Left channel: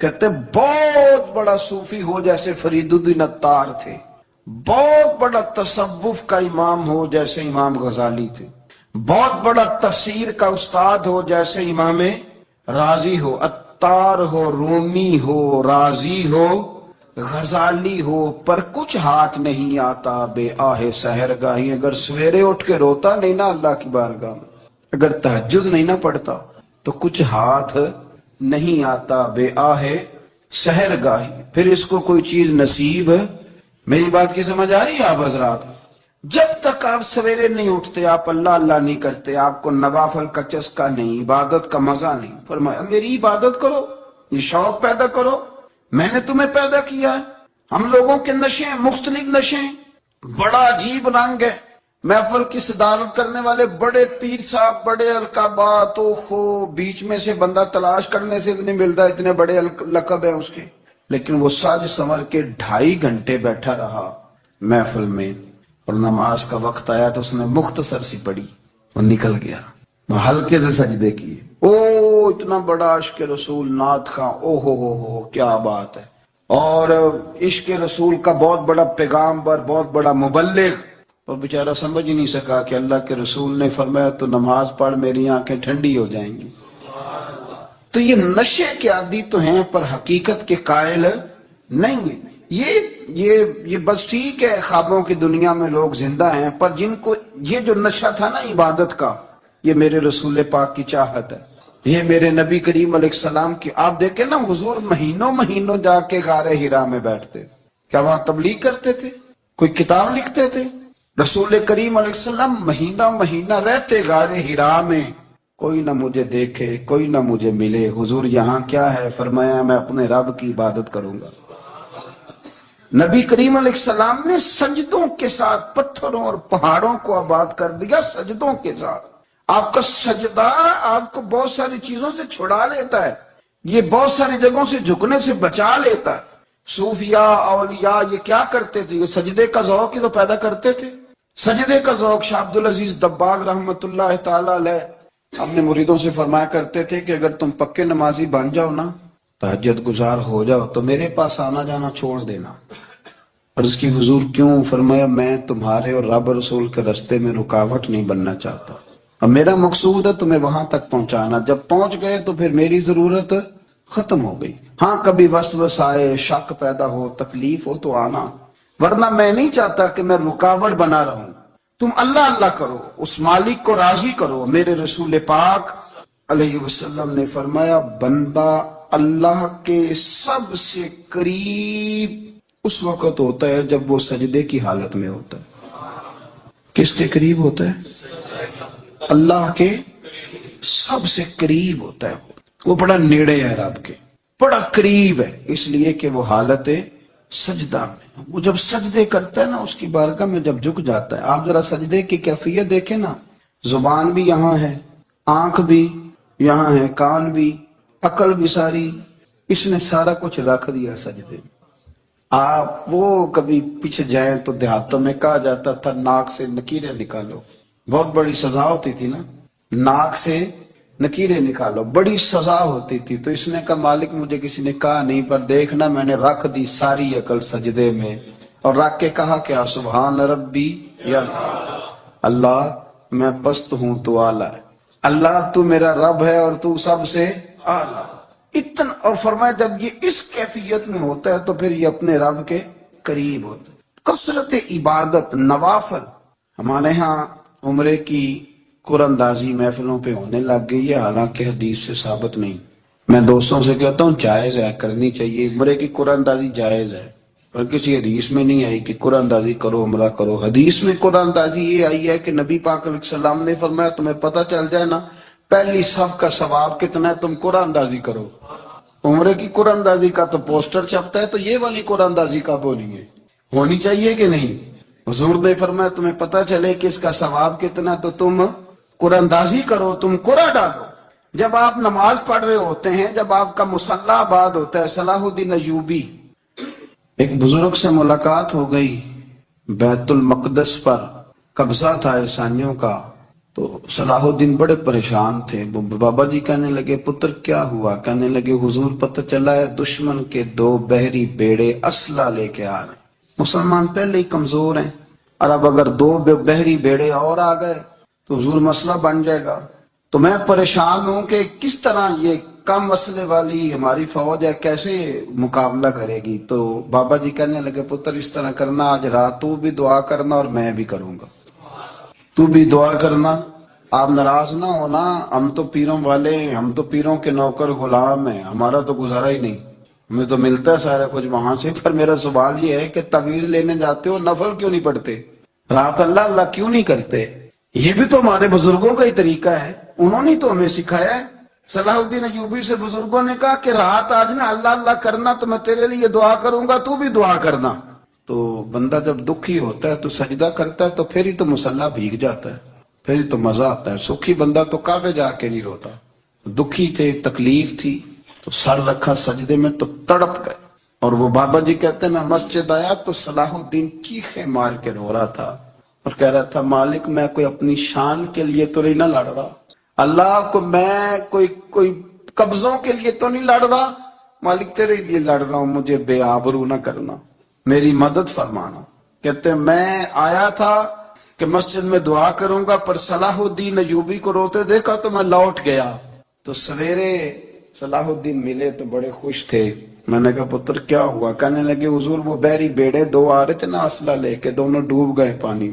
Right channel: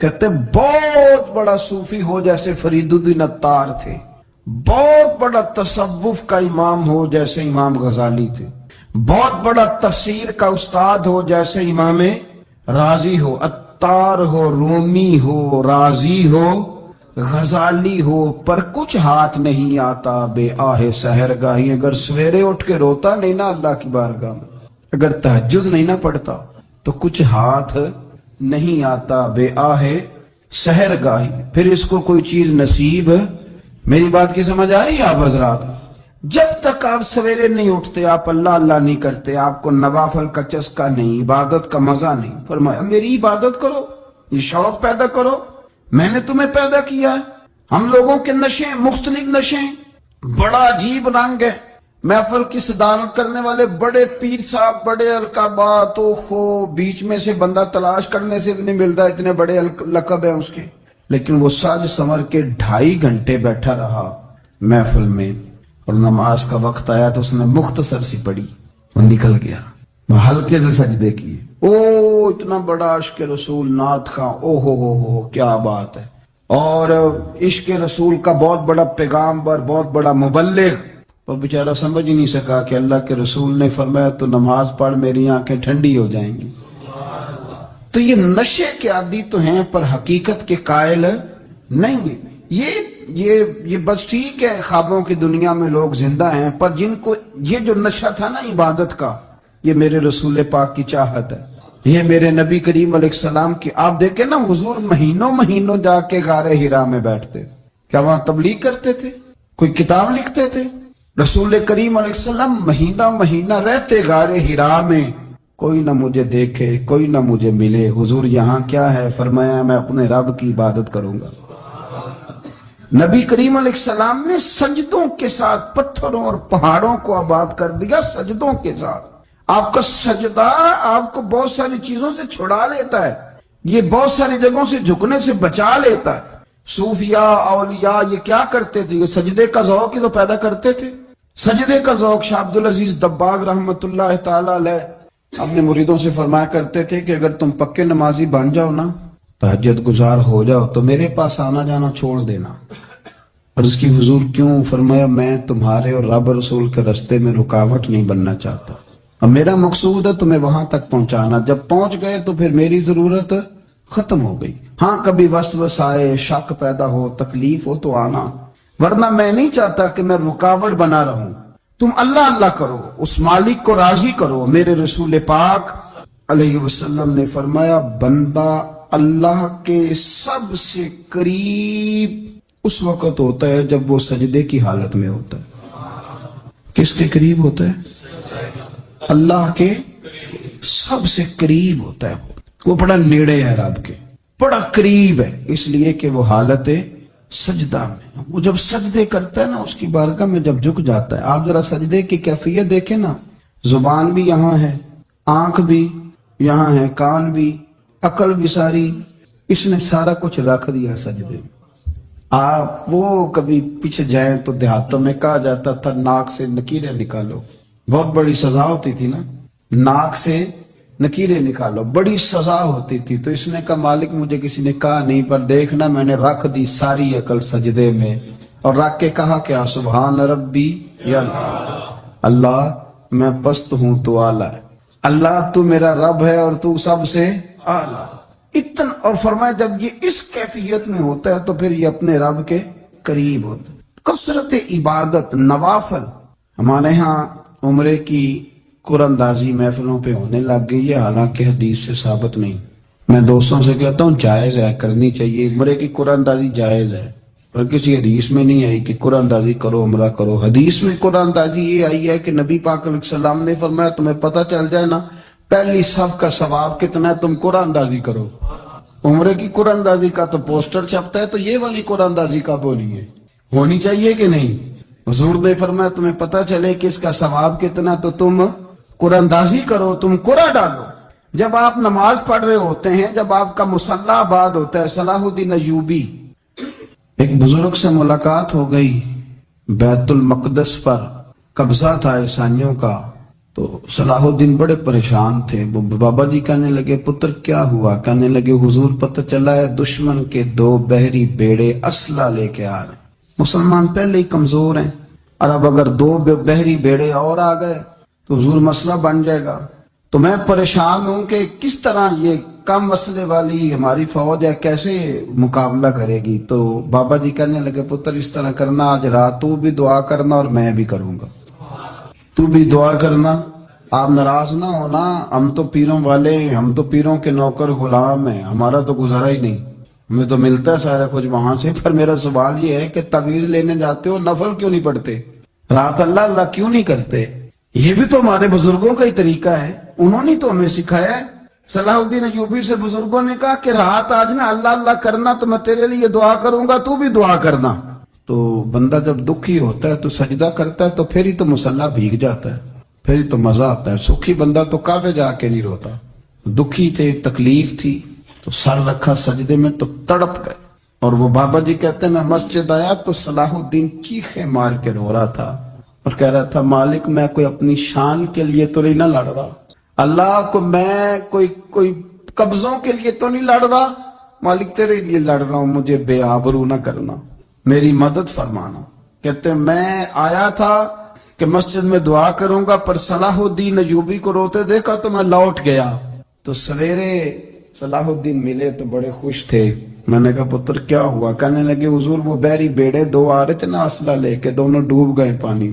کہتے بہت بڑا صوفی ہو جیسے فرید الدین عطار تھے، بہت بڑا تصوف کا امام ہو جیسے امام غزالی تھے، بہت بڑا تفسیر کا استاد ہو جیسے امام رازی ہو، عطار ہو، رومی ہو، رازی ہو، غزالی ہو، پر کچھ ہاتھ نہیں آتا بے آہ سحر گاہی۔ اگر سویرے اٹھ کے روتا نہیں نا اللہ کی بارگاہ میں، اگر تہجد نہیں نہ پڑھتا تو کچھ ہاتھ نہیں آتا بے آہ سحر گاہی، پھر اس کو کوئی چیز نصیب۔ میری بات کی سمجھ آ رہی ہے آپ حضرات؟ جب تک آپ سویرے نہیں اٹھتے، آپ اللہ اللہ نہیں کرتے، آپ کو نوافل کا چسکا نہیں، عبادت کا مزہ نہیں، فرمایا میری عبادت کرو، یہ شوق پیدا کرو، میں نے تمہیں پیدا کیا ہے۔ ہم لوگوں کے نشے مختلف نشے، بڑا عجیب رنگ ہے۔ محفل کی صدارت کرنے والے بڑے پیر صاحب، بڑے القابات، بیچ میں سے بندہ تلاش کرنے سے بھی نہیں ملتا، اتنے بڑے لقب ہیں اس کے، لیکن وہ سج سنور کے 2.5 گھنٹے بیٹھا رہا محفل میں، اور نماز کا وقت آیا تو اس نے مختصر سی پڑھی، وہ نکل گیا، وہ ہلکے سے سجدے کیے۔ اتنا بڑا عشق رسول نعت کا، ہو کیا بات ہے، اور عشق رسول کا بہت بڑا پیغامبر، بہت بڑا مبلغ، اور بیچارہ سمجھ ہی نہیں سکا کہ اللہ کے رسول نے فرمایا تو نماز پڑھ میری آنکھیں ٹھنڈی ہو جائیں گی۔ تو یہ نشے کے عادی تو ہیں پر حقیقت کے قائل نہیں ہیں۔ یہ بس ٹھیک ہے، خوابوں کی دنیا میں لوگ زندہ ہیں، پر جن کو یہ جو نشہ تھا نا عبادت کا، یہ میرے رسول پاک کی چاہت ہے، یہ میرے نبی کریم علیہ السلام کی۔ آپ دیکھیں نا، حضور مہینوں جا کے غار حرا میں بیٹھتے، کیا وہاں تبلیغ کرتے تھے؟ کوئی کتاب لکھتے تھے؟ رسول کریم علیہ السلام مہینہ رہتے غار حرا میں، کوئی نہ مجھے دیکھے، کوئی نہ مجھے ملے، حضور یہاں کیا ہے؟ فرمایا میں اپنے رب کی عبادت کروں گا۔ نبی کریم علیہ السلام نے سجدوں کے ساتھ پتھروں اور پہاڑوں کو آباد کر دیا، سجدوں کے ساتھ۔ آپ کا سجدہ آپ کو بہت ساری چیزوں سے چھڑا لیتا ہے، یہ بہت ساری جگہوں سے جھکنے سے بچا لیتا ہے۔ صوفیاء، اولیاء یہ کیا کرتے تھے؟ یہ سجدے کا ذوق ہی تو پیدا کرتے تھے، سجدے کا ذوق۔ شاہ عبدالعزیز دباغ رحمت اللہ تعالی علیہ اپنے مریدوں سے فرمایا کرتے تھے کہ اگر تم پکے نمازی بن جاؤ نا، تہجد گزار ہو جاؤ، تو میرے پاس آنا جانا چھوڑ دینا۔ اور اس کی حضور کیوں؟ فرمایا میں تمہارے اور رب رسول کے رستے میں رکاوٹ نہیں بننا چاہتا، اور میرا مقصود ہے تمہیں وہاں تک پہنچانا۔ جب پہنچ گئے تو پھر میری ضرورت ختم ہو گئی۔ ہاں کبھی وسوسہ آئے، شک پیدا ہو، تکلیف ہو تو آنا، ورنہ میں نہیں چاہتا کہ میں رکاوٹ بنا رہوں۔ تم اللہ اللہ کرو، اس مالک کو راضی کرو۔ میرے رسول پاک علیہ وسلم نے فرمایا بندہ اللہ کے سب سے قریب اس وقت ہوتا ہے جب وہ سجدے کی حالت میں ہوتا ہے۔ کس کے قریب ہوتا ہے؟ اللہ کے سب سے قریب ہوتا ہے، وہ بڑا نیڑے ہے رب کے، بڑا قریب ہے، اس لیے کہ وہ حالت سجدہ میں، وہ جب سجدے کرتا ہے نا اس کی بارگاہ میں جب جھک جاتا ہے۔ آپ ذرا سجدے کی کیفیت دیکھیں نا، زبان بھی یہاں ہے، آنکھ بھی یہاں ہے، کان بھی، عقل بھی ساری، اس نے سارا کچھ رکھ دیا سجدے میں۔ آپ وہ کبھی پیچھے جائیں تو دیہاتوں میں کہا جاتا تھا ناک سے نکیریں نکالو، بہت بڑی سزا ہوتی تھی نا، ناک سے نکیریں نکالو، بڑی سزا ہوتی تھی۔ تو اس نے کہا مالک مجھے کسی نے کہا نہیں، پر دیکھنا میں نے رکھ دی ساری عقل سجدے میں، اور رکھ کے کہا کیا؟ سبحان ربی یا اللہ میں پست ہوں تو اعلیٰ ہے، اللہ تو میرا رب ہے اور تو سب سے اعلیٰ۔ اتنا، اور فرمایا جب یہ اس کیفیت میں ہوتا ہے تو پھر یہ اپنے رب کے قریب ہوتا ہے۔ کثرت عبادت، نوافل۔ ہمارے ہاں عمرے کی قرآن اندازی محفلوں پہ ہونے لگ گئی ہے، حالانکہ حدیث سے ثابت نہیں۔ میں دوستوں سے کہتا ہوں جائز ہے، کرنی چاہیے، عمرے کی قرآن اندازی جائز ہے، پر کسی حدیث میں نہیں آئی کہ قرآن اندازی کرو عمرہ کرو۔ حدیث میں قرآن اندازی یہ آئی ہے کہ نبی پاک علیہ السلام نے فرمایا تمہیں پتہ چل جائے نا پہلی صف کا ثواب کتنا ہے، تم قرآن اندازی کرو۔ عمرے کی قرآن اندازی کا تو پوسٹر چھپتا ہے، تو یہ والی قرآن اندازی کا بولیے ہونی چاہیے کہ نہیں؟ حضور نے فرمایا تمہیں پتہ چلے کہ اس کا ثواب کتنا، تو تم قرآن اندازی کرو، تم قرآن ڈالو۔ جب آپ نماز پڑھ رہے ہوتے ہیں، جب آپ کا مصلی آباد ہوتا ہے، صلاح الدین ایوبی، ایک بزرگ سے ملاقات ہو گئی، بیت المقدس پر قبضہ تھا عیسائیوں کا، تو صلاح الدین بڑے پریشان تھے. بابا جی کہنے لگے پتر کیا ہوا؟ کہنے لگے حضور پتہ چلا ہے دشمن کے 2 بحری بیڑے اسلحہ لے کے آ رہے. مسلمان پہلے ہی کمزور ہیں اور اب اگر 2 بحری بیڑے اور آ گئے تو حضور مسئلہ بن جائے گا. تو میں پریشان ہوں کہ کس طرح یہ کم مسئلے والی ہماری فوج ہے کیسے مقابلہ کرے گی. تو بابا جی کہنے لگے پتر اس طرح کرنا آج رات تو بھی دعا کرنا اور میں بھی کروں گا. تو بھی دعا کرنا. آپ ناراض نہ ہونا، ہم تو پیروں والے ہیں، ہم تو پیروں کے نوکر غلام ہیں، ہمارا تو گزارا ہی نہیں، ہمیں تو ملتا ہے سارا کچھ وہاں سے. پر میرا سوال یہ ہے کہ تعویذ لینے جاتے ہو نفل کیوں نہیں پڑھتے؟ رات اللہ اللہ کیوں نہیں کرتے؟ یہ بھی تو ہمارے بزرگوں کا ہی طریقہ ہے، انہوں نے تو ہمیں سکھایا ہے. صلاح الدین ایوبی سے بزرگوں نے کہا کہ رات آج نا اللہ اللہ کرنا تو میں تیرے لیے دعا کروں گا، تو بھی دعا کرنا. تو بندہ جب دکھی ہوتا ہے تو سجدہ کرتا ہے تو پھر ہی تو مصلی بھیگ جاتا ہے، پھر ہی تو مزہ آتا ہے. سکھی بندہ تو کعبے جا کے نہیں روتا. دکھی تھے، تکلیف تھی تو سر رکھا سجدے میں تو تڑپ گئے. اور وہ بابا جی کہتے ہیں میں مسجد آیا تو صلاح الدین چیخیں مار کے رو رہا تھا اور کہہ رہا تھا مالک میں کوئی اپنی شان کے لیے تو نہیں نہ لڑ رہا، اللہ کو میں کوئی قبضوں کے لیے تو نہیں لڑ رہا، مالک تیرے لیے لڑ رہا ہوں، مجھے بے آبرو نہ کرنا، میری مدد فرمانا. کہتے ہیں میں آیا تھا کہ مسجد میں دعا کروں گا، پر صلاح الدین ایوبی کو روتے دیکھا تو میں لوٹ گیا. تو سویرے صلاح الدین ملے تو بڑے خوش تھے. میں نے کہا پتر کیا ہوا؟ کہنے لگے حضور وہ بحری بیڑے 2 آ رہے تھے نا اسلحہ لے کے، دونوں ڈوب گئے پانی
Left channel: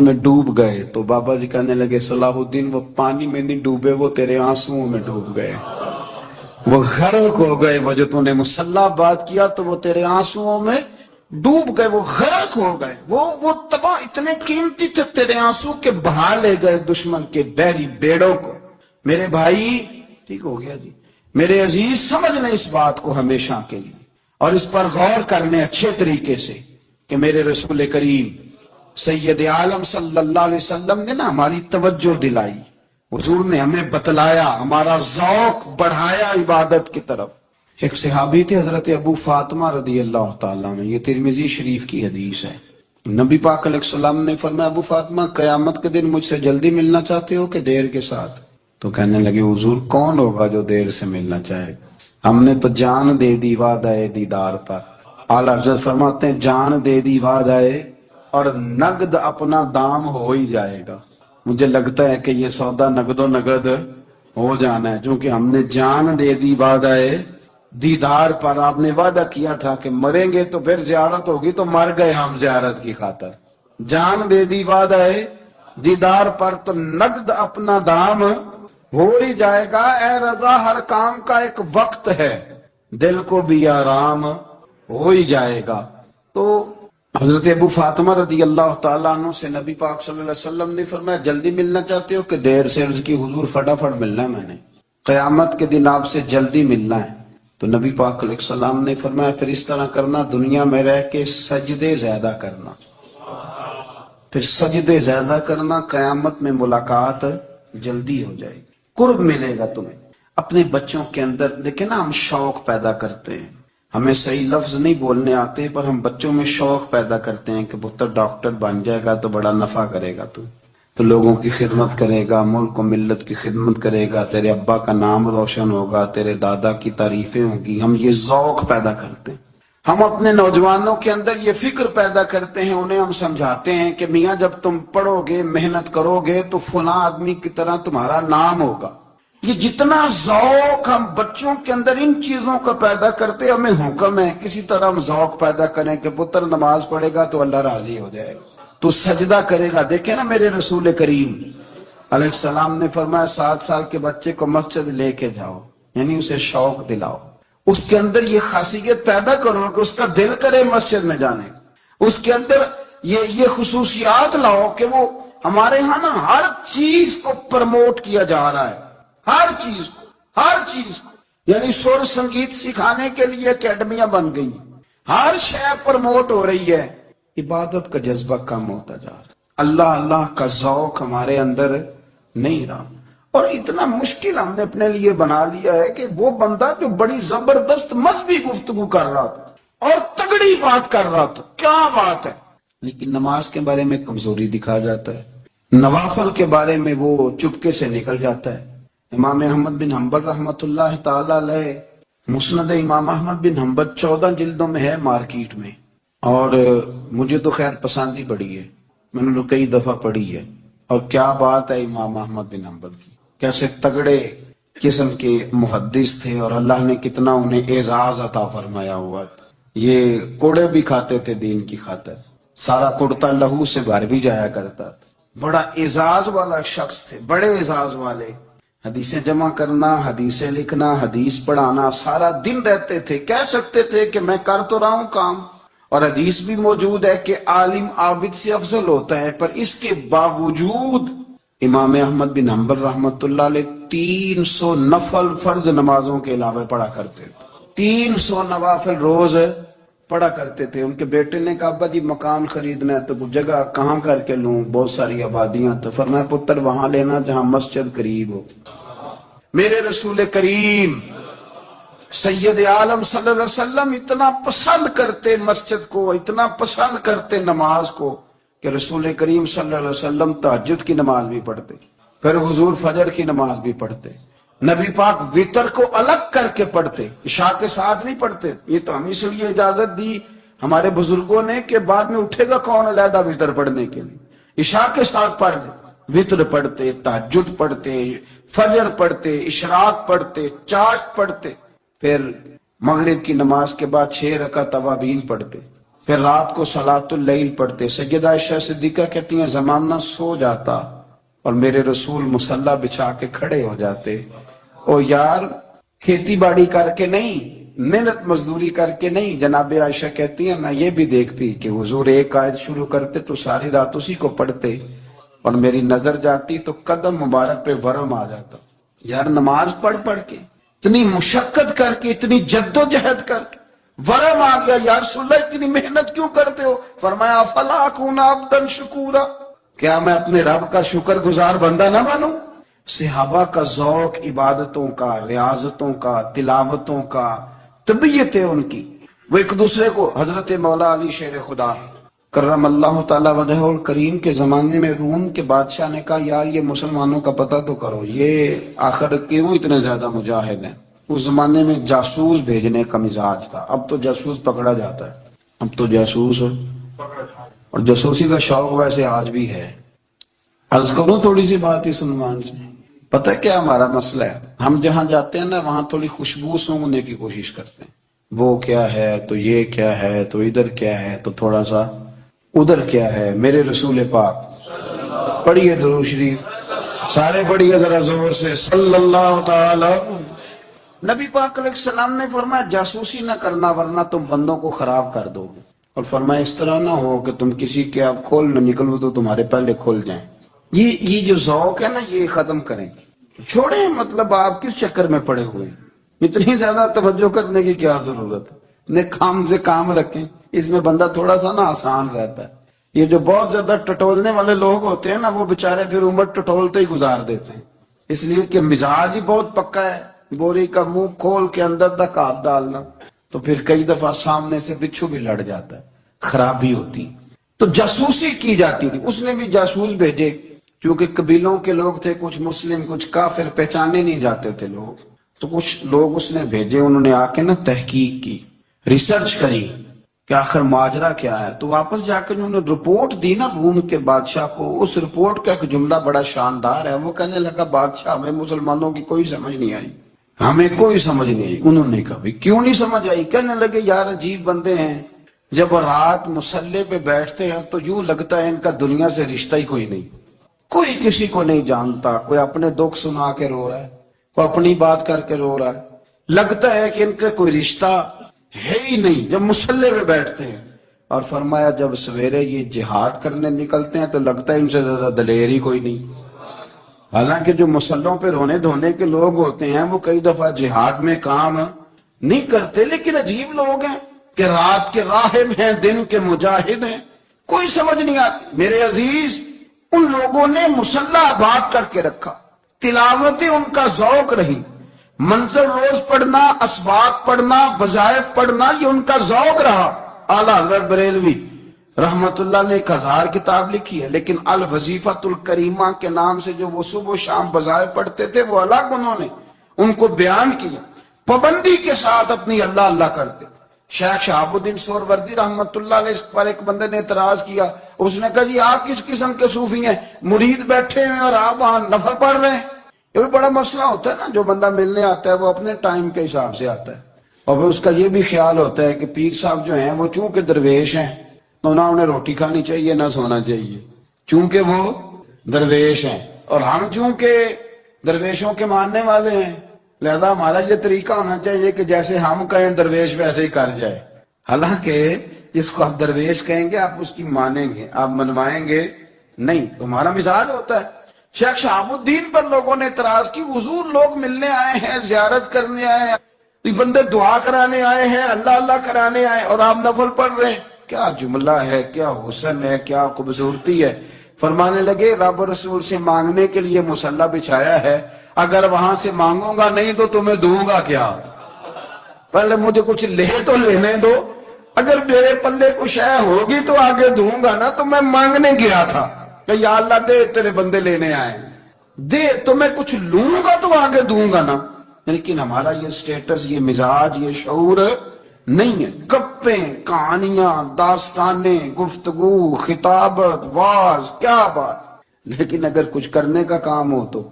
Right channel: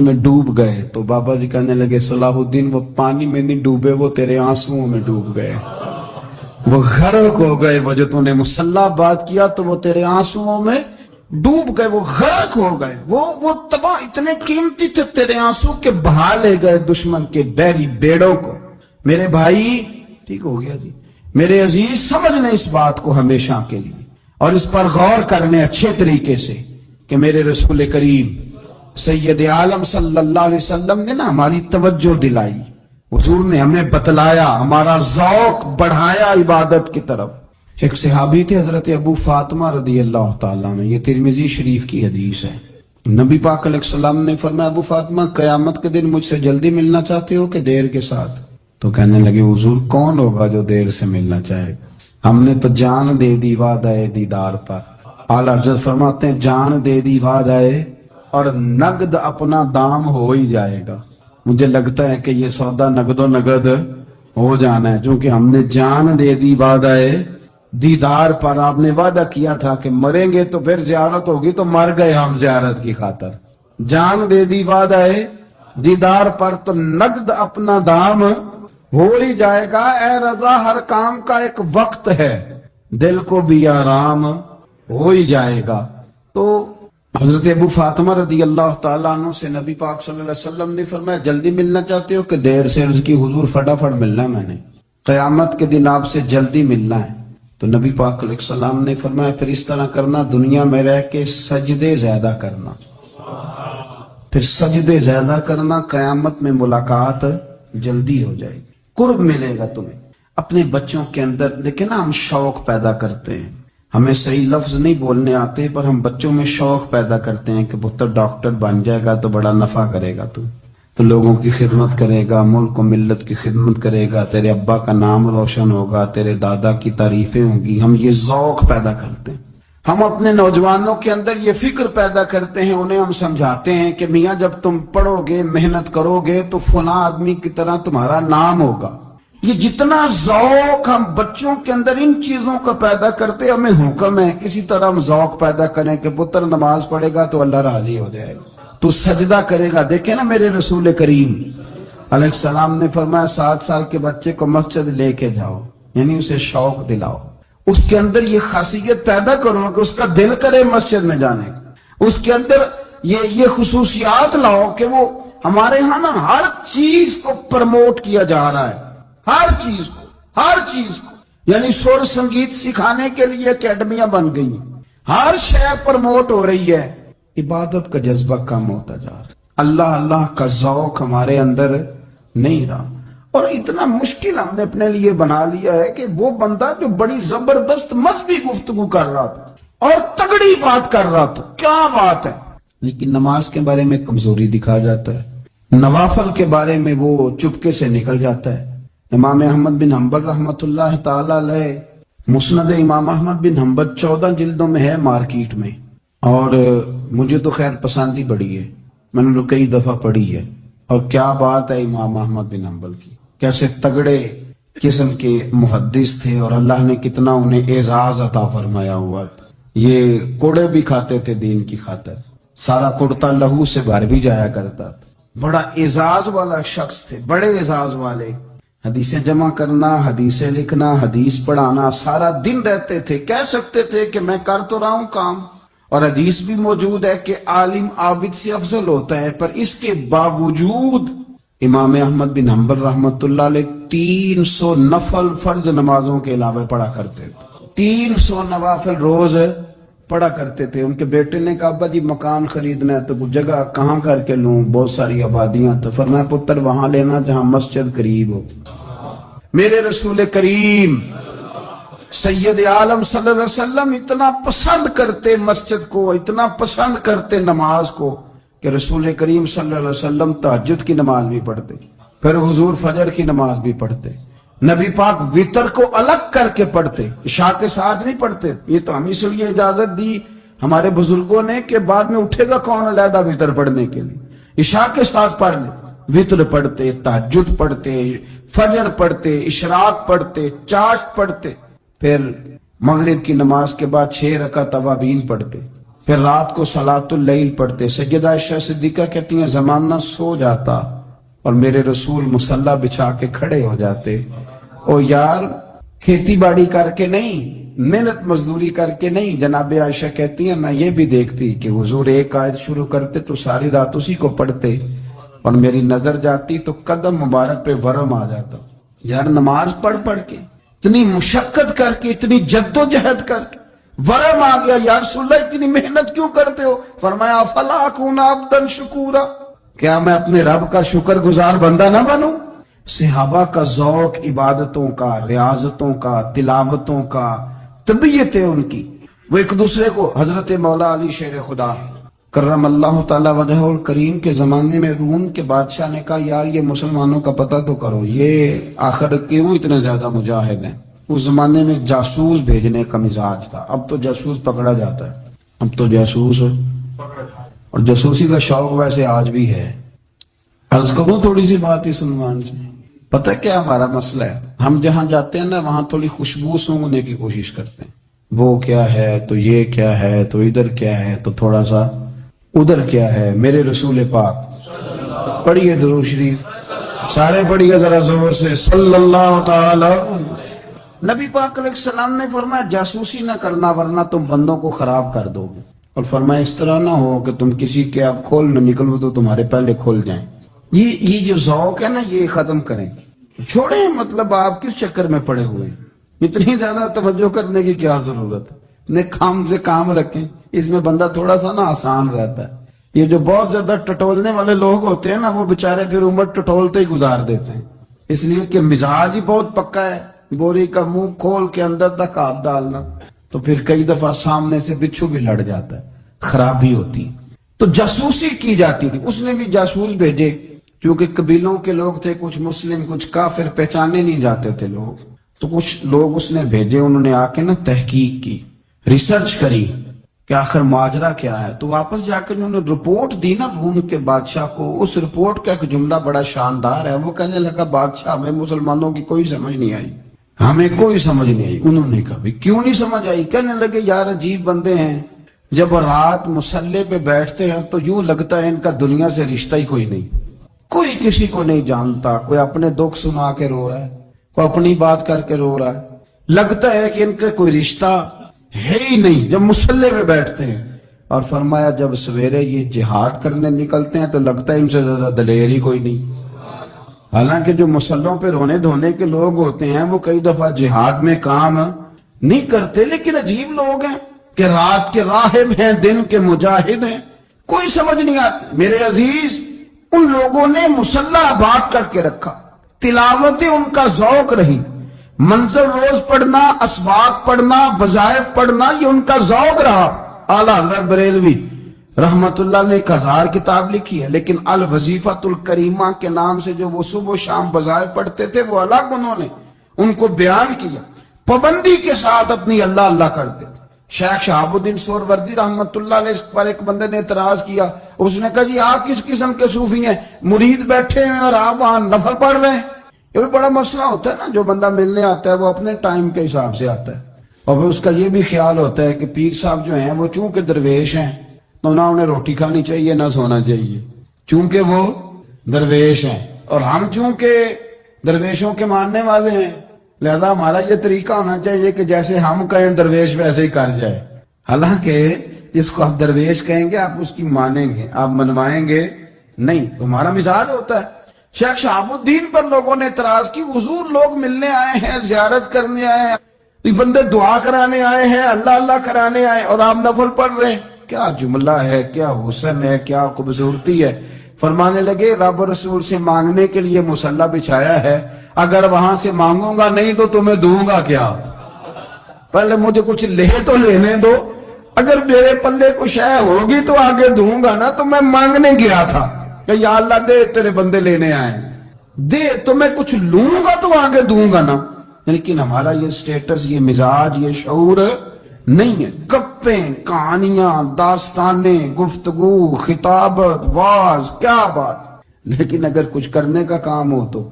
میں ڈوب گئے. تو بابا جی کہنے لگے صلاح الدین وہ پانی میں نہیں ڈوبے، وہ تیرے آنسوؤں میں ڈوب گئے، وہ غرق ہو گئے. وہ جو تو نے مسلح بات کیا تو وہ تیرے آنسوؤں میں ڈوب گئے، وہ غرق ہو گئے، وہ تباہ اتنے قیمتی تھے تیرے آنسو کے بہا لے گئے دشمن کے بحری بیڑوں کو. میرے بھائی ٹھیک ہو گیا جی، میرے عزیز سمجھ لیں اس بات کو ہمیشہ کے لیے اور اس پر غور کرنے اچھے طریقے سے کہ میرے رسول کریم سید عالم صلی اللہ علیہ وسلم نے نا ہماری توجہ دلائی، حضور نے ہمیں بتلایا، ہمارا ذوق بڑھایا عبادت کی طرف. ایک صحابی تھے حضرت ابو فاطمہ رضی اللہ تعالیٰ عنہ، یہ ترمذی شریف کی حدیث ہے. نبی پاک علیہ السلام نے فرمایا ابو فاطمہ قیامت کے دن مجھ سے جلدی ملنا چاہتے ہو کہ دیر کے ساتھ؟ تو کہنے لگے حضور کون ہوگا جو دیر سے ملنا چاہے، ہم نے تو جان دے دی وعدہ دیدار پر. اعلیٰ حضرت فرماتے ہیں جان دے دی وعدہ اور نقد اپنا دام ہو ہی جائے گا. مجھے لگتا ہے کہ یہ سودا نقد و نقد ہو جانا ہے، چونکہ ہم نے جان دے دی وعدہ دیدار پر. آپ نے وعدہ کیا تھا کہ مریں گے تو پھر زیارت ہوگی، تو مر گئے ہم زیارت کی خاطر. جان دے دی وعدہ دیدار پر تو نقد اپنا دام ہو ہی جائے گا. اے رضا ہر کام کا ایک وقت ہے، دل کو بھی آرام ہو ہی جائے گا. تو حضرت ابو فاطمہ رضی اللہ تعالیٰ عنہ سے نبی پاک صلی اللہ علیہ وسلم نے فرمایا جلدی ملنا چاہتے ہو کہ دیر سے؟ عرض کی حضور فٹافٹ ملنا ہے، میں نے قیامت کے دن آپ سے جلدی ملنا ہے. تو نبی پاک علیہ السلام نے فرمایا پھر اس طرح کرنا، دنیا میں رہ کے سجدے زیادہ کرنا، پھر سجدے زیادہ کرنا، قیامت میں ملاقات جلدی ہو جائے گی، قرب ملے گا تمہیں. اپنے بچوں کے اندر دیکھیں نا، ہم شوق پیدا کرتے ہیں، ہمیں صحیح لفظ نہیں بولنے آتے پر ہم بچوں میں شوق پیدا کرتے ہیں کہ پتر ڈاکٹر بن جائے گا تو بڑا نفع کرے گا، تو لوگوں کی خدمت کرے گا، ملک و ملت کی خدمت کرے گا، تیرے ابا کا نام روشن ہوگا، تیرے دادا کی تعریفیں ہوں گی. ہم یہ ذوق پیدا کرتے ہیں. ہم اپنے نوجوانوں کے اندر یہ فکر پیدا کرتے ہیں، انہیں ہم سمجھاتے ہیں کہ میاں جب تم پڑھو گے محنت کرو گے تو فلاں آدمی کی طرح تمہارا نام ہوگا. یہ جتنا ذوق ہم بچوں کے اندر ان چیزوں کا پیدا کرتے، ہمیں حکم ہے کسی طرح ہم ذوق پیدا کریں کہ پتر نماز پڑھے گا تو اللہ راضی ہو جائے گا، تو سجدہ کرے گا. دیکھیں نا میرے رسول کریم علیہ السلام نے فرمایا 7 سال کے بچے کو مسجد لے کے جاؤ، یعنی اسے شوق دلاؤ، اس کے اندر یہ خاصیت پیدا کرو کہ اس کا دل کرے مسجد میں جانے، اس کے اندر یہ خصوصیات لاؤ کہ وہ ہمارے ہاں نا ہر چیز کو پرموٹ کیا جا رہا ہے، ہر چیز کو یعنی سر سنگیت سکھانے کے لیے اکیڈمیاں بن گئی، ہر شے پرموٹ ہو رہی ہے. عبادت کا جذبہ کم ہوتا جا رہا، اللہ کا ذوق ہمارے اندر نہیں رہا. اور اتنا مشکل ہم نے اپنے لیے بنا لیا ہے کہ وہ بندہ جو بڑی زبردست مذہبی گفتگو کر رہا تھا اور تگڑی بات کر رہا تھا، کیا بات ہے، لیکن نماز کے بارے میں کمزوری دکھا جاتا ہے، نوافل کے بارے میں وہ چپکے سے نکل جاتا ہے۔ امام احمد بن حنبل رحمۃ اللہ تعالی علیہ، مسند امام احمد بن حنبل 14 جلدوں میں ہے مارکیٹ میں، اور مجھے تو خیر پسند ہی بڑی ہے، میں نے کئی دفعہ پڑھی ہے۔ اور کیا بات ہے امام احمد بن حنبل کی، کیسے تگڑے قسم کے محدث تھے، اور اللہ نے کتنا انہیں اعزاز عطا فرمایا ہوا تھا۔ یہ کوڑے بھی کھاتے تھے دین کی خاطر، سارا کرتا لہو سے بھر بھی جایا کرتا تھا، بڑا اعزاز والا شخص تھے، بڑے اعزاز والے۔ حدیثیں جمع کرنا، حدیثیں لکھنا، حدیث پڑھانا، سارا دن رہتے تھے۔ کہہ سکتے تھے کہ میں کر تو رہا ہوں کام، اور حدیث بھی موجود ہے کہ عالم عابد سے افضل ہوتا ہے، پر اس کے باوجود امام احمد بن حنبل رحمۃ اللہ علیہ 300 نفل فرض نمازوں کے علاوہ پڑھا کرتے تھے، 300 نوافل روز پڑھا کرتے تھے۔ ان کے بیٹے نے کہا ابا جی مکان خریدنا ہے تو جگہ کہاں کر کے لوں، بہت ساری آبادیاں، تو فرمایا پتر وہاں لینا جہاں مسجد قریب ہو۔ میرے رسول کریم سید عالم صلی اللہ علیہ وسلم اتنا پسند کرتے مسجد کو، اتنا پسند کرتے نماز کو، کہ رسول کریم صلی اللہ علیہ وسلم تہجد کی نماز بھی پڑھتے، پھر حضور فجر کی نماز بھی پڑھتے، نبی پاک وتر کو الگ کر کے پڑھتے، عشاء کے ساتھ نہیں پڑھتے۔ یہ تو ہم اس لیے اجازت دی ہمارے بزرگوں نے کہ بعد میں اٹھے گا کون علیحدہ وتر پڑھنے کے لیے، عشاء کے ساتھ پڑھ لے۔ وتر پڑھتے، تہجد پڑھتے، فجر پڑھتے، اشراق پڑھتے، چاشت پڑھتے، پھر مغرب کی نماز کے بعد 6 رکعت اوابین پڑھتے، پھر رات کو صلاۃ اللیل پڑھتے۔ سیدہ عائشہ صدیقہ کہتی ہیں زمانہ سو جاتا اور میرے رسول مصلی بچھا کے کھڑے ہو جاتے۔ او یار کھیتی باڑی کر کے نہیں، محنت مزدوری کر کے نہیں، جناب عائشہ کہتی ہیں میں یہ بھی دیکھتی کہ حضور ایک آیت شروع کرتے تو ساری رات اسی کو پڑھتے، اور میری نظر جاتی تو قدم مبارک پہ ورم آ جاتا۔ یار نماز پڑھ پڑھ کے، اتنی مشقت کر کے، اتنی جد و جہد کر کے ورم آ گیا، یا رسول اللہ اتنی محنت کیوں کرتے ہو؟ فرمایا افلا اکون عبدا شکورا، کیا میں اپنے رب کا شکر گزار بندہ نہ بنوں؟ صحابہ کا ذوق عبادتوں کا، ریاضتوں کا، تلاوتوں کا، طبیعت ہے ان کی، وہ ایک دوسرے کو، حضرت مولا علی شیر خدا کرم اللہ تعالی وجہہ الکریم کے زمانے میں روم کے بادشاہ نے کہا یار یہ مسلمانوں کا پتہ تو کرو، یہ آخر کیوں اتنے زیادہ مجاہد ہیں؟ اس زمانے میں جاسوس بھیجنے کا مزاج تھا، اب تو جاسوس پکڑا جاتا ہے، اب تو جاسوس ہے، اور جاسوسی کا شوق ویسے آج بھی ہے۔ عرض کروں تھوڑی سی بات اس عنوان سے، پتہ کیا ہمارا مسئلہ ہے؟ ہم جہاں جاتے ہیں نا وہاں تھوڑی خوشبو سونگنے کی کوشش کرتے ہیں، وہ کیا ہے تو یہ کیا ہے تو ادھر کیا ہے تو تھوڑا سا ادھر کیا ہے۔ میرے رسول پاک پڑھیے درود شریف، سارے پڑھیے ذرا زور سے، صلی اللہ تعالی۔ نبی پاک علیہ السلام نے فرمایا جاسوسی نہ کرنا ورنہ تم بندوں کو خراب کر دو گے، اور فرمایا اس طرح نہ ہو کہ تم کسی کے آپ کھول نہ نکلو تو تمہارے پہلے کھول جائیں۔ یہ جو ذوق ہے نا یہ ختم کریں، چھوڑیں، مطلب آپ کس چکر میں پڑے ہوئے ہیں، اتنی زیادہ توجہ کرنے کی کیا ضرورت ہے؟ اپنے کام سے کام رکھیں، اس میں بندہ تھوڑا سا نا آسان رہتا ہے۔ یہ جو بہت زیادہ ٹٹولنے والے لوگ ہوتے ہیں نا وہ بےچارے پھر عمر ٹٹولتے ہی گزار دیتے ہیں، اس لیے کہ مزاج ہی بہت پکا ہے، بوری کا منہ کھول کے اندر تک ہاتھ ڈالنا، تو پھر کئی دفعہ سامنے سے بچھو بھی لڑ جاتا ہے، خرابی ہوتی۔ تو جاسوسی کی جاتی تھی، اس نے بھی جاسوس بھیجے، کیونکہ قبیلوں کے لوگ تھے، کچھ مسلم کچھ کافر، پہچانے نہیں جاتے تھے لوگ، تو کچھ لوگ اس نے بھیجے، انہوں نے آ کے نا تحقیق کی، ریسرچ کری کہ آخر ماجرا کیا ہے۔ تو واپس جا کے انہوں نے رپورٹ دی نا روم کے بادشاہ کو، اس رپورٹ کا ایک جملہ بڑا شاندار ہے، وہ کہنے لگا بادشاہ ہمیں مسلمانوں کی کوئی سمجھ نہیں آئی، ہمیں کوئی سمجھ نہیں آئی۔ انہوں نے کہا کیوں نہیں سمجھ آئی؟ کہنے لگے یار عجیب بندے ہیں، جب رات مصلی پہ بیٹھتے ہیں تو یوں لگتا ہے ان کا دنیا سے رشتہ ہی کوئی نہیں، کوئی کسی کو نہیں جانتا، کوئی اپنے دکھ سنا کے رو رہا ہے، کوئی اپنی بات کر کے رو رہا ہے، لگتا ہے کہ ان کا کوئی رشتہ ہے ہی نہیں جب مصلی پہ بیٹھتے ہیں۔ اور فرمایا جب سویرے یہ جہاد کرنے نکلتے ہیں تو لگتا ہے ان سے زیادہ دلیر ہی کوئی نہیں۔ حالانکہ جو مسلوں پہ رونے دھونے کے لوگ ہوتے ہیں وہ کئی دفعہ جہاد میں کام نہیں کرتے، لیکن عجیب لوگ ہیں کہ رات کے راہب ہیں، دن کے مجاہد ہیں، کوئی سمجھ نہیں آتی۔ میرے عزیز ان لوگوں نے مسلح آباد کر کے رکھا، تلاوتیں ان کا ذوق رہی، منظر روز پڑھنا، اسباق پڑھنا، وظائف پڑھنا، یہ ان کا ذوق رہا۔ اعلیٰ حضرت بریلوی رحمت اللہ نے 1000 کتاب لکھی ہے، لیکن الوظیفۃ الکریمہ کے نام سے جو وہ صبح و شام بظاہر پڑھتے تھے وہ الگ انہوں نے ان کو بیان کیا، پابندی کے ساتھ اپنی اللہ اللہ کرتے۔ شیخ شہاب الدین سہروردی رحمت اللہ علیہ اس پر ایک بندے نے اعتراض کیا، اس نے کہا جی آپ کس قسم کے صوفی ہیں، مرید بیٹھے ہیں اور آپ وہاں نفل پڑھ رہے ہیں؟ یہ بھی بڑا مسئلہ ہوتا ہے نا، جو بندہ ملنے آتا ہے وہ اپنے ٹائم کے حساب سے آتا ہے، اور پھر اس کا یہ بھی خیال ہوتا ہے کہ پیر صاحب جو ہیں وہ چونکہ درویش ہیں تو نہ انہیں روٹی کھانی چاہیے نہ سونا چاہیے، چونکہ وہ درویش ہیں، اور ہم چونکہ درویشوں کے ماننے والے ہیں لہذا ہمارا یہ طریقہ ہونا چاہیے کہ جیسے ہم کہیں درویش ویسے ہی کر جائے۔ حالانکہ جس کو آپ درویش کہیں گے آپ اس کی مانیں گے، آپ منوائیں گے نہیں، تمہارا مزاج ہوتا ہے۔ شیخ شہاب الدین پر لوگوں نے اعتراض کی، حضور لوگ ملنے آئے ہیں، زیارت کرنے آئے ہیں، یہ بندے دعا کرانے آئے ہیں، اللہ اللہ کرانے آئے اور آپ نفل پڑھ رہے ہیں، کیا جملہ ہے، کیا حسن ہے، کیا خوبصورتی ہے۔ فرمانے لگے رب و رسول سے مانگنے کے لیے مصلی بچھایا ہے، اگر وہاں سے مانگوں گا نہیں تو تمہیں دوں گا کیا؟ پہلے مجھے کچھ لے تو لینے دو، اگر میرے پلے کچھ ہے ہوگی تو آگے دوں گا نا، تو میں مانگنے گیا تھا کہ یا اللہ دے تیرے بندے لینے آئے، دے تو میں کچھ لوں گا تو آگے دوں گا نا۔ لیکن ہمارا یہ سٹیٹس، یہ مزاج، یہ شعور نہیں ہے۔ گپیں، کہانیاں، داستانیں، گفتگو، خطابت، واز، کیا بات، لیکن اگر کچھ کرنے کا کام ہو تو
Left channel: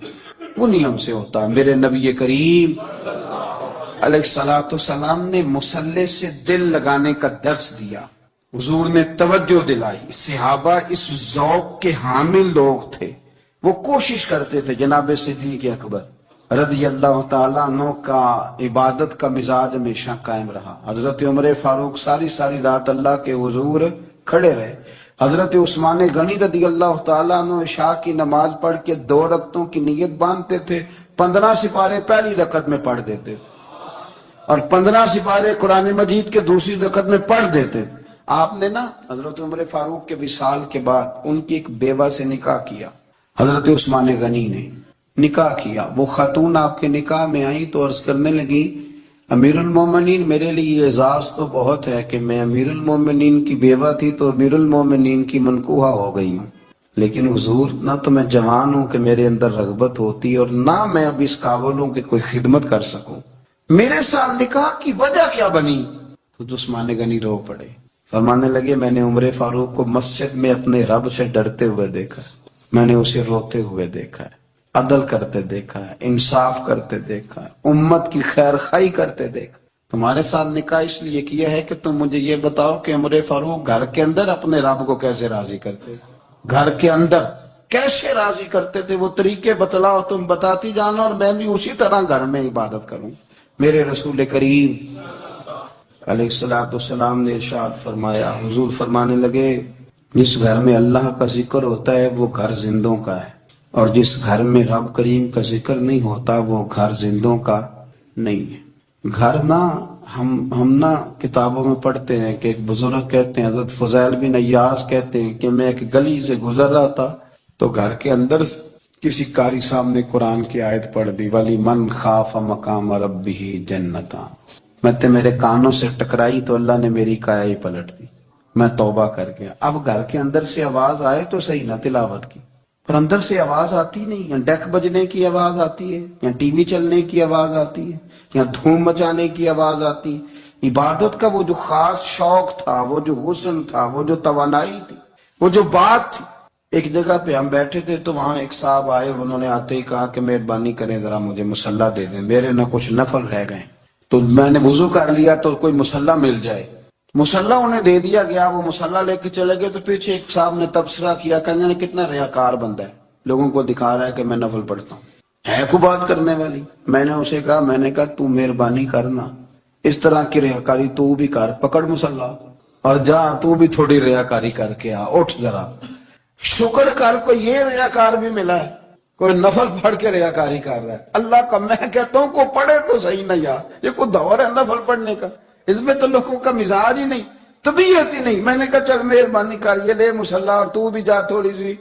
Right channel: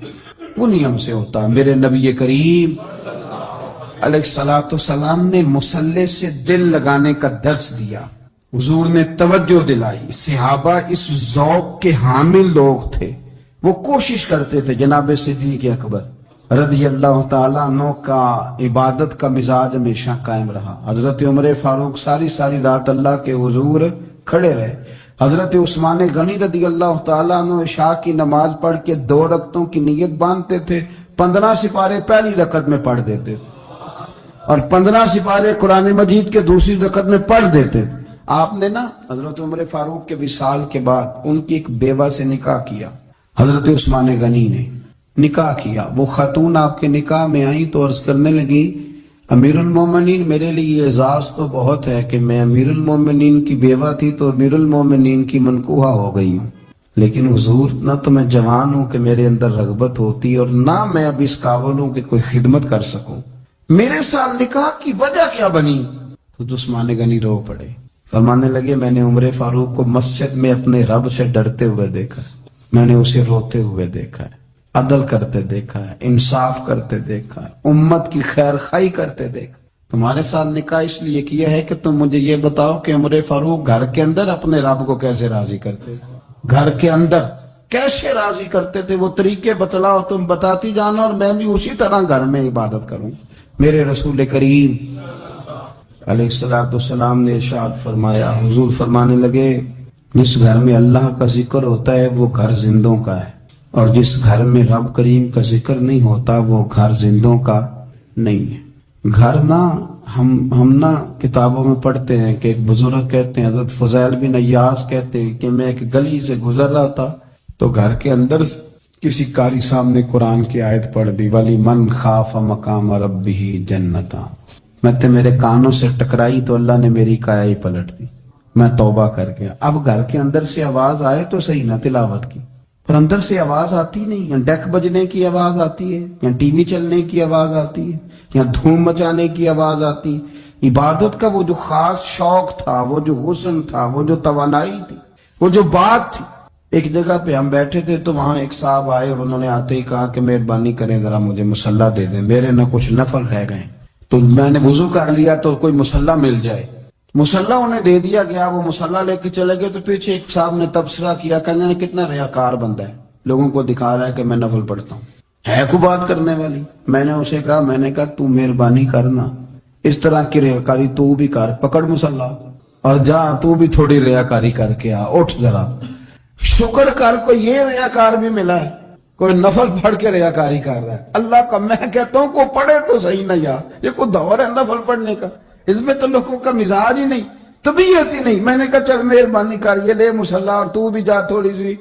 انہی ہم سے ہوتا ہے۔ میرے نبی کریم علیہ الصلوۃ والسلام نے مصلی سے دل لگانے کا درس دیا، حضور نے توجہ دلائی، صحابہ اس ذوق کے حامل لوگ تھے، وہ کوشش کرتے تھے۔ جناب صدیق اکبر رضی اللہ تعالیٰ عنہ کا عبادت کا مزاج ہمیشہ قائم رہا۔ حضرت عمر فاروق ساری رات اللہ کے حضور کھڑے رہے۔ حضرت عثمان غنی رضی اللہ تعالیٰ عنہ عشاء کی نماز پڑھ کے 2 رکعتوں کی نیت باندھتے تھے، 15 سپارے پہلی رکعت میں پڑھ دیتے اور 15 سپارے قرآن مجید کے دوسری رکعت میں پڑھ دیتے۔ آپ نے نا حضرت عمر فاروق کے وصال کے بعد ان کی ایک بیوہ سے نکاح کیا، حضرت عثمان غنی نے نکاح کیا۔ وہ خاتون آپ کے نکاح میں آئیں تو عرض کرنے لگی امیر المومنین میرے لیے اعزاز تو بہت ہے کہ میں امیر المومنین کی بیوہ تھی تو امیر المومنین کی منکوحہ ہو گئی ہوں، لیکن حضور نہ تو میں جوان ہوں کہ میرے اندر رغبت ہوتی اور نہ میں اب اس قابل ہوں کہ کوئی خدمت کر سکوں، میرے ساتھ نکاح کی وجہ کیا بنی؟ تو عثمان غنی رو پڑے، فرمانے لگے میں نے عمر فاروق کو مسجد میں اپنے رب سے ڈرتے ہوئے دیکھا، میں نے اسے روتے ہوئے دیکھا ہے، عدل کرتے دیکھا ہے، انصاف کرتے دیکھا ہے، امت کی خیر خواہی کرتے دیکھا۔ تمہارے ساتھ نکاح اس لیے کیا ہے کہ تم مجھے یہ بتاؤ کہ عمر فاروق گھر کے اندر اپنے رب کو کیسے راضی کرتے تھے، گھر کے اندر کیسے راضی کرتے تھے، وہ طریقے بتلاؤ، تم بتاتی جانو اور میں بھی اسی طرح گھر میں عبادت کروں۔ میرے رسول کریم علیہ الصلوۃ والسلام نے ارشاد فرمایا، حضور فرمانے لگے جس گھر میں اللہ کا ذکر ہوتا ہے وہ گھر زندوں کا ہے، اور جس گھر میں رب کریم کا ذکر نہیں ہوتا وہ گھر زندوں کا نہیں ہے۔ گھر نہ ہم نہ کتابوں میں پڑھتے ہیں کہ ایک بزرگ کہتے ہیں، حضرت فضیل بن عیاض کہتے ہیں کہ میں ایک گلی سے گزر رہا تھا تو گھر کے اندر کسی قاری صاحب نے قرآن کی آیت پڑھ دی، ولی من خاف مقام ربہ جنتان، میں تے میرے کانوں سے ٹکرائی تو اللہ نے میری کایا ہی پلٹ دی، میں توبہ کر گیا۔ اب گھر کے اندر سے آواز آئے تو صحیح نہ تلاوت کی، پر اندر سے آواز آتی نہیں، یا ڈیک بجنے کی آواز آتی ہے، یا ٹی وی چلنے کی آواز آتی ہے، یا دھوم مچانے کی آواز آتی۔ عبادت کا وہ جو خاص شوق تھا، وہ جو حسن تھا، وہ جو توانائی تھی، وہ جو بات تھی۔ ایک جگہ پہ ہم بیٹھے تھے تو وہاں ایک صاحب آئے، انہوں نے آتے ہی کہا کہ مہربانی کریں ذرا مجھے مصلی دے دیں، میرے نہ کچھ نفل رہ گئے، تو میں نے وضو کر لیا تو کوئی مصلی مل جائے۔ مصلی انہیں دے دیا گیا، وہ مصلی لے کے چلے گئے تو پیچھے ایک صاحب نے تبصرہ کیا، کہنے نے کتنا ریاکار بندہ ہے، لوگوں کو دکھا رہا ہے کہ میں نفل پڑھتا ہوں، ہے کو بات کرنے والی۔ میں نے اسے کہا تو مہربانی کرنا اس طرح کی ریاکاری تو بھی کر، پکڑ مصلی اور جا تو بھی تھوڑی ریاکاری کر کے آ، اٹھ ذرا شکر کر، کوئی یہ ریاکار بھی ملا ہے، کوئی نفل پڑھ کے ریاکاری کر رہا ہے۔ اللہ کا میں کہتا ہوں کو پڑھے تو صحیح نہ یار، یہ کوئی دور ہے نفل پڑھنے کا، اس میں تو لوگوں کا مزاج ہی نہیں، طبیعت ہی نہیں۔ میں نے کہا چل مہربانی کر، یہ لے مصلی اور تو بھی جا تھوڑی سی،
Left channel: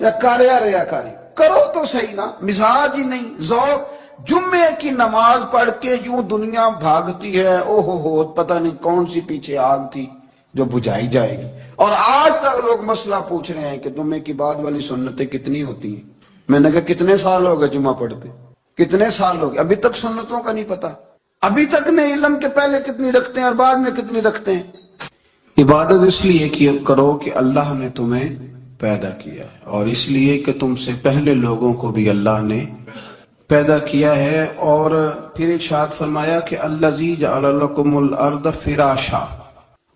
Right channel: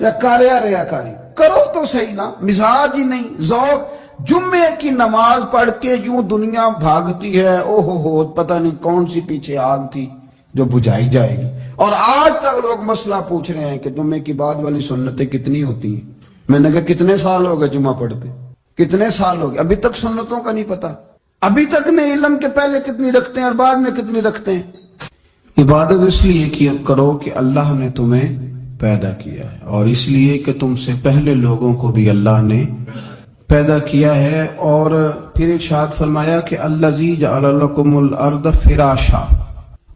یا کارے یا ریاکاری کرو تو صحیح نا، مزاج ہی نہیں، ذوق۔ جمعے کی نماز پڑھ کے یوں دنیا بھاگتی ہے، اوہ ہو پتہ نہیں کون سی پیچھے آگ تھی، جو بجھائی جائے گی۔ اور آج تک لوگ مسئلہ پوچھ رہے ہیں کہ جمعے کی بعد والی سنتیں کتنی ہوتی ہیں۔ میں نے کہا کتنے سال ہو گئے جمعہ پڑھتے، کتنے سال ہو گئے، ابھی تک سنتوں کا نہیں پتا، ابھی تک نہیں علم کے پہلے کتنی رکھتے ہیں اور بعد میں کتنی رکھتے ہیں۔ عبادت اس لیے کیا کرو کہ اللہ نے تمہیں پیدا کیا ہے، اور اس لیے کہ تم سے پہلے لوگوں کو بھی اللہ نے پیدا کیا ہے۔ اور پھر ارشاد فرمایا کہ الذی جعل لکم الارض فراشا،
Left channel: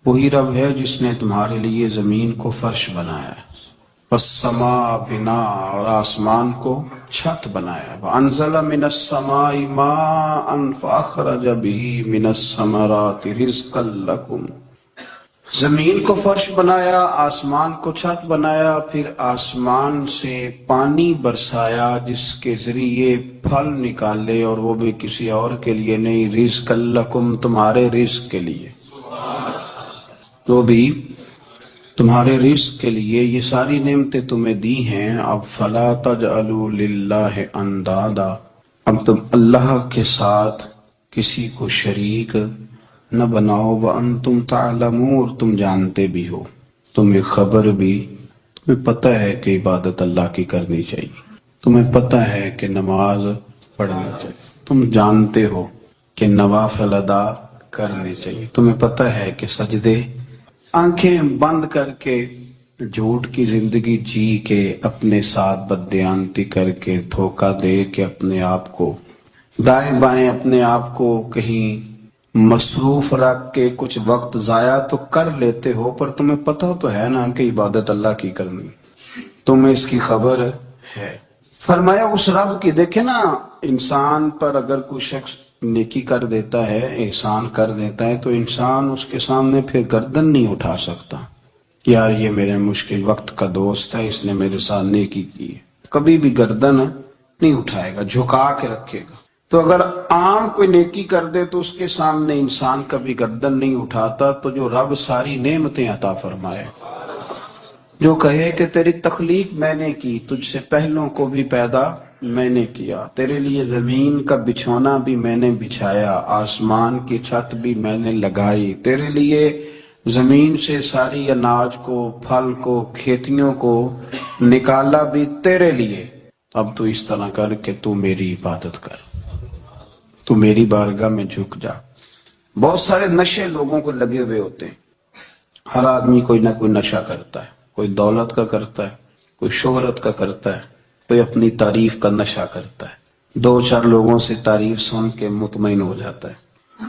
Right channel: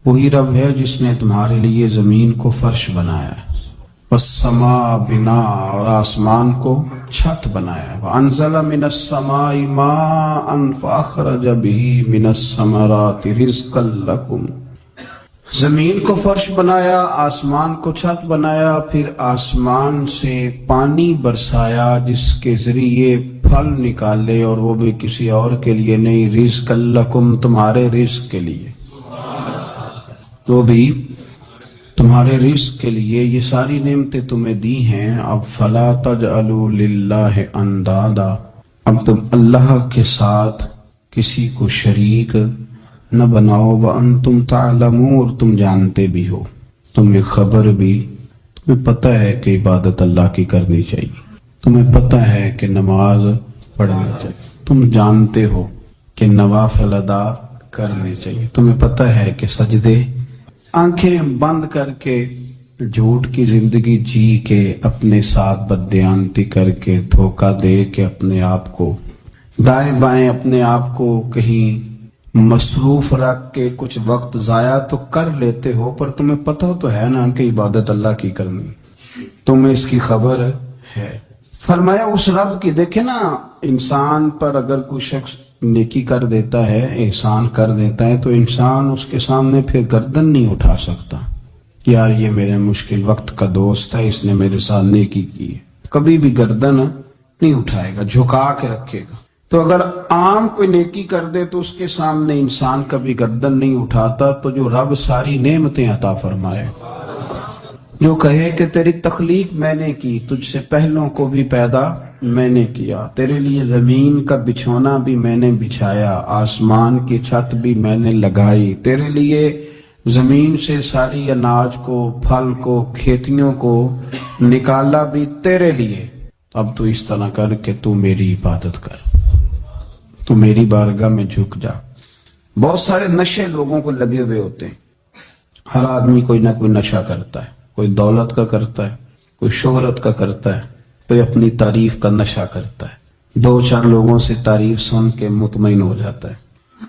وہی رب ہے جس نے تمہارے لیے زمین کو فرش بنایا ہے، والسماء بناء، اور آسمان کو چھت بنایا ہے، وانزل من السماء ماء فاخرج به من الثمرات رزقا لکم، زمین کو فرش بنایا، آسمان کو چھت بنایا، پھر آسمان سے پانی برسایا جس کے ذریعے پھل نکالے، اور وہ بھی کسی اور کے لیے نہیں، رزقا لکم، تمہارے رزق کے لیے، وہ بھی تمہارے رزق کے لیے۔ یہ ساری نعمتیں تمہیں دی ہیں، اب فلا تجعلوا للہ اندادا، اب تم اللہ کے ساتھ کسی کو شریک نہ بناؤ، وانتم تعلمون، تم جانتے بھی ہو، تمہیں خبر بھی، تمہیں پتہ ہے کہ عبادت اللہ کی کرنی چاہیے، تمہیں پتہ ہے کہ نماز پڑھنی چاہیے، تم جانتے ہو کہ نوافل ادا کرنی چاہیے، تمہیں پتہ ہے کہ سجدے آنکھیں بند کر کے جھوٹ کی زندگی جی کے، اپنے ساتھ بددیانتی کر کے، دھوکہ دے کے، اپنے آپ کو دائیں بائیں، اپنے آپ کو کہیں مصروف رکھ کے کچھ وقت ضائع تو کر لیتے ہو، پر تمہیں پتہ تو ہے نا کہ عبادت اللہ کی کرنی، تمہیں اس کی خبر ہے۔ فرمایا اس رب کی، دیکھیں نا، انسان پر اگر کوئی شخص نیکی کر دیتا ہے، احسان کر دیتا ہے، تو انسان اس کے سامنے پھر گردن نہیں اٹھا سکتا، یار یہ میرے مشکل وقت کا دوست ہے، اس نے میرے ساتھ نیکی کی ہے، کبھی بھی گردن نہیں اٹھائے گا، جھکا کے رکھے گا۔ تو اگر عام کوئی نیکی کر دے تو اس کے سامنے انسان کبھی گردن نہیں اٹھاتا، تو جو رب ساری نعمتیں عطا فرمائے، جو کہے کہ تیری تخلیق میں نے کی، تجھ سے پہلوں کو بھی پیدا میں نے کیا، تیرے لیے زمین کا بچھونا بھی میں نے بچھایا، آسمان کی چھت بھی میں نے لگائی، تیرے لیے زمین سے ساری اناج کو، پھل کو، کھیتیوں کو نکالا بھی تیرے لیے، اب تو اس طرح کر کہ تو میری عبادت کر، تو میری بارگاہ میں جھک جا۔ بہت سارے نشے لوگوں کو لگے ہوئے ہوتے ہیں، ہر آدمی کوئی نہ کوئی نشہ کرتا ہے، کوئی دولت کا کرتا ہے، کوئی شہرت کا کرتا ہے، کوئی اپنی تعریف کا نشہ کرتا ہے، دو چار لوگوں سے تعریف سن کے مطمئن ہو جاتا ہے۔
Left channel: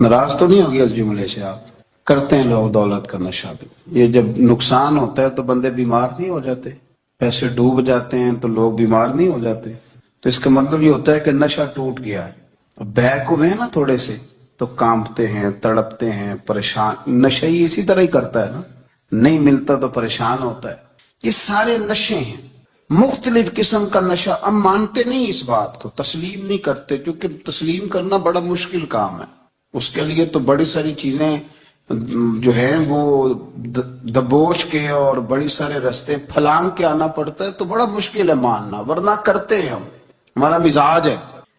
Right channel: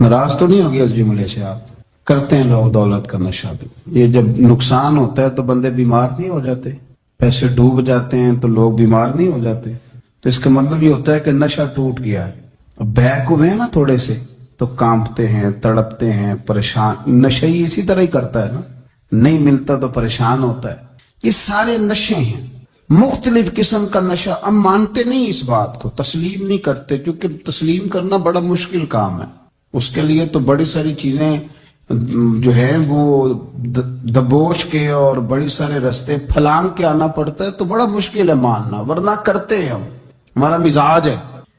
ناراض تو نہیں ہو گیا اس جملے سے؟ آپ کرتے ہیں لوگ دولت کا نشہ بھی، یہ جب نقصان ہوتا ہے تو بندے بیمار نہیں ہو جاتے، پیسے ڈوب جاتے ہیں تو لوگ بیمار نہیں ہو جاتے، تو اس کا مطلب یہ ہوتا ہے کہ نشہ ٹوٹ گیا ہے۔ بہک ہوئے ہیں نا تھوڑے سے تو کانپتے ہیں، تڑپتے ہیں، پریشان، نشہ ہی اسی طرح ہی کرتا ہے نا، نہیں ملتا تو پریشان ہوتا ہے۔ یہ سارے نشے ہیں، مختلف قسم کا نشہ۔ ہم مانتے نہیں اس بات کو، تسلیم نہیں کرتے، کیونکہ تسلیم کرنا بڑا مشکل کام ہے، اس کے لیے تو بڑی ساری چیزیں جو ہے وہ دبوچ کے اور بڑی سارے رستے پھلانگ کے آنا پڑتا ہے، تو بڑا مشکل ہے ماننا، ورنہ کرتے ہیں ہم، ہمارا مزاج ہے۔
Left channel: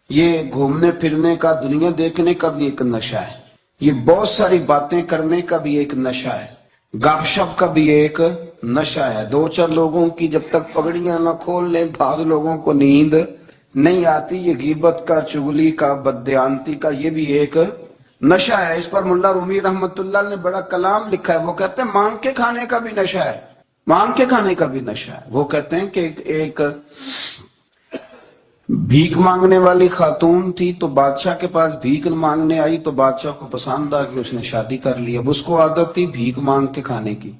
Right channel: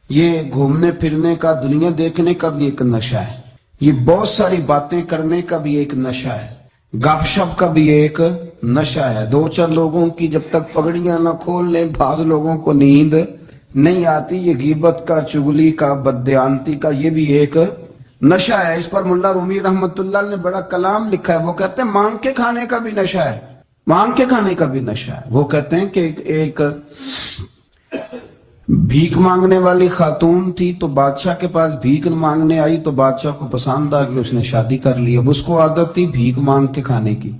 یہ گھومنے پھرنے کا، دنیا دیکھنے کا بھی ایک نشہ ہے، یہ بہت ساری باتیں کرنے کا بھی ایک نشہ ہے، گپ شپ کا بھی ایک نشہ ہے۔ دو چار لوگوں کی جب تک پگڑیاں نہ کھول لیں، بعض لوگوں کو نیند نہیں آتی، یہ غیبت کا، چغلی کا، بددیانتی کا، یہ بھی ایک نشہ ہے۔ اس پر ملا رومی رحمت اللہ نے بڑا کلام لکھا ہے، وہ کہتے ہیں مانگ کے کھانے کا بھی نشہ ہے، مانگ کے کھانے کا بھی نشہ ہے۔ وہ کہتے ہیں کہ ایک بھیک مانگنے والی خاتون تھی، تو بادشاہ کے پاس بھیک مانگنے آئی، تو بادشاہ کو پسند آ گئی، اس نے شادی کر لی۔ اب اس کو عادت تھی بھیک مانگ کے کھانے کی،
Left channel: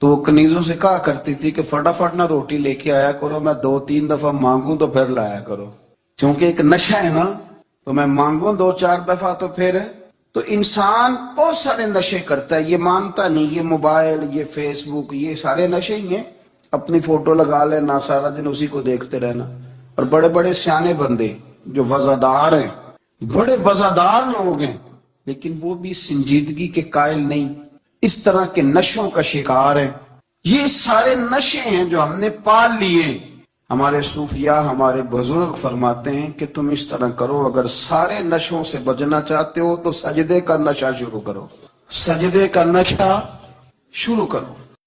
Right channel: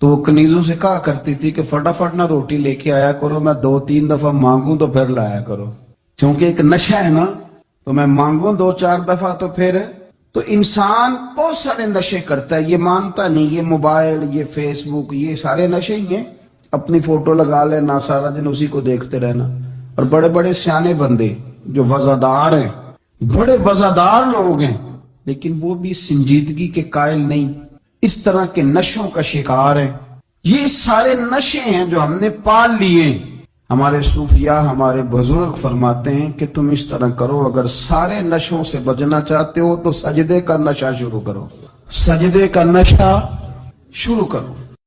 تو وہ کنیزوں سے کہا کرتی تھی کہ فٹافٹ نہ روٹی لے کے آیا کرو، میں 2-3 دفعہ مانگوں تو پھر لایا کرو، کیونکہ ایک نشہ ہے نا، تو میں مانگوں 2-4 دفعہ تو پھر۔ تو انسان بہت سارے نشے کرتا ہے، یہ مانتا نہیں، یہ موبائل، یہ فیس بک، یہ سارے نشے ہی ہیں۔ اپنی فوٹو لگا لینا، سارا دن اسی کو دیکھتے رہنا، اور بڑے بڑے سیانے بندے جو وزادار ہیں، بڑے وزادار لوگ ہیں، لیکن وہ بھی سنجیدگی کے قائل نہیں، اس طرح کے نشوں کا شکار ہیں۔ یہ سارے نشے ہیں جو ہم نے پال لیے۔ ہمارے صوفیاء، ہمارے بزرگ فرماتے ہیں کہ تم اس طرح کرو، اگر سارے نشوں سے بچنا چاہتے ہو تو سجدے کا نشہ شروع کرو۔ سجدے کا نشہ شروع کروں.